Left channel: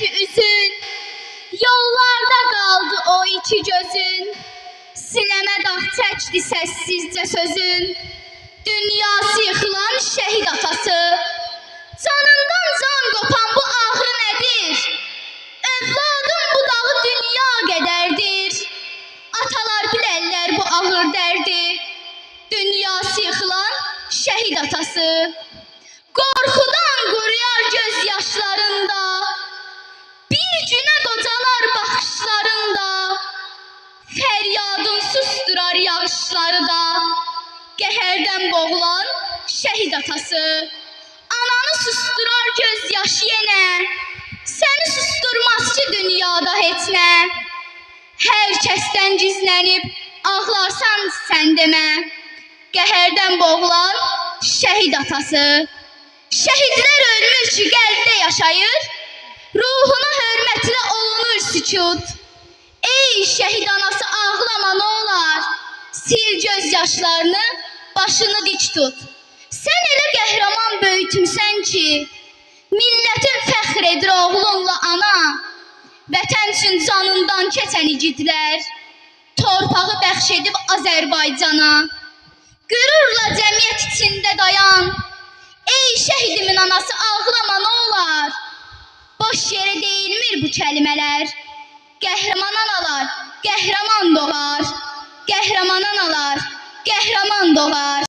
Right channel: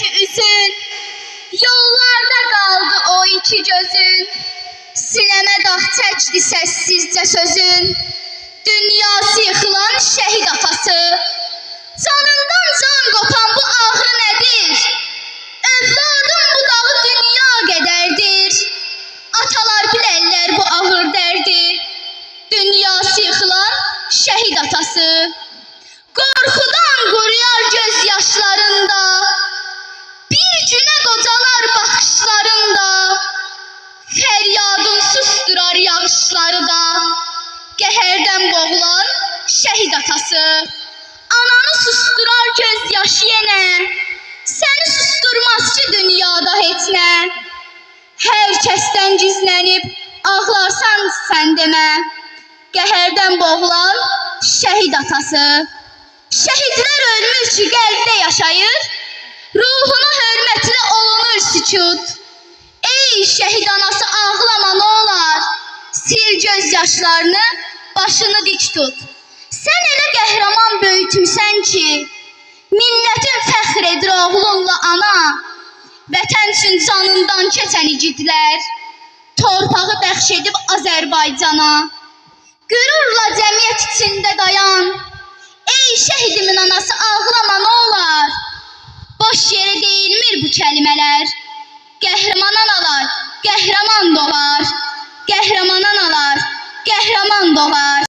ki üzün, yollarda qaldı o iki gözün. Sinəmə dağ çəkdi səssizcə sözün. Dünyası yıxılan şəhid atası, canından can qopan bu ağrı nədir? Övladım bu dağı dünya qədərdir. Atalar bilərlər bu ağır dərdi. Dünyası yıxılan şəhid atası, qorxudan quruyar göz yaşlarında, bir günə qocalar baxışlarında, fəryadın susturar yağışları da, qəhərdən boğulan şəhid atası. Ananı susturar göz yaşı yenə, səni susturmaz ki dünyada heç nə. Hər kəsdən gizlənib ağlarsan sən demə, qəhərdən boğulan şəhid atası. Şəhidlər ölmüş ki qəlbdə yaşayır, ruhuna hörmətlə olunur sükut. Ey şəhid anası ağlama nə olar, sil göz yaşlarını, başını dik tut. Sən elə qəhrəman böyütmüsən ki, millətin fəxr edir oğlunla ana. Vətən üçün canından keçən igidlər, torpağı bəxş edib Azərbaycana. Qürurla cəmiyyət içində dayan, ey şəhidimin anası ağlama nə olar. Boş yerə deyilmir bu kəlmələr, qəhrəman analar, qəhrəman doğar. Qəhrəman analar, qəhrəman doğar.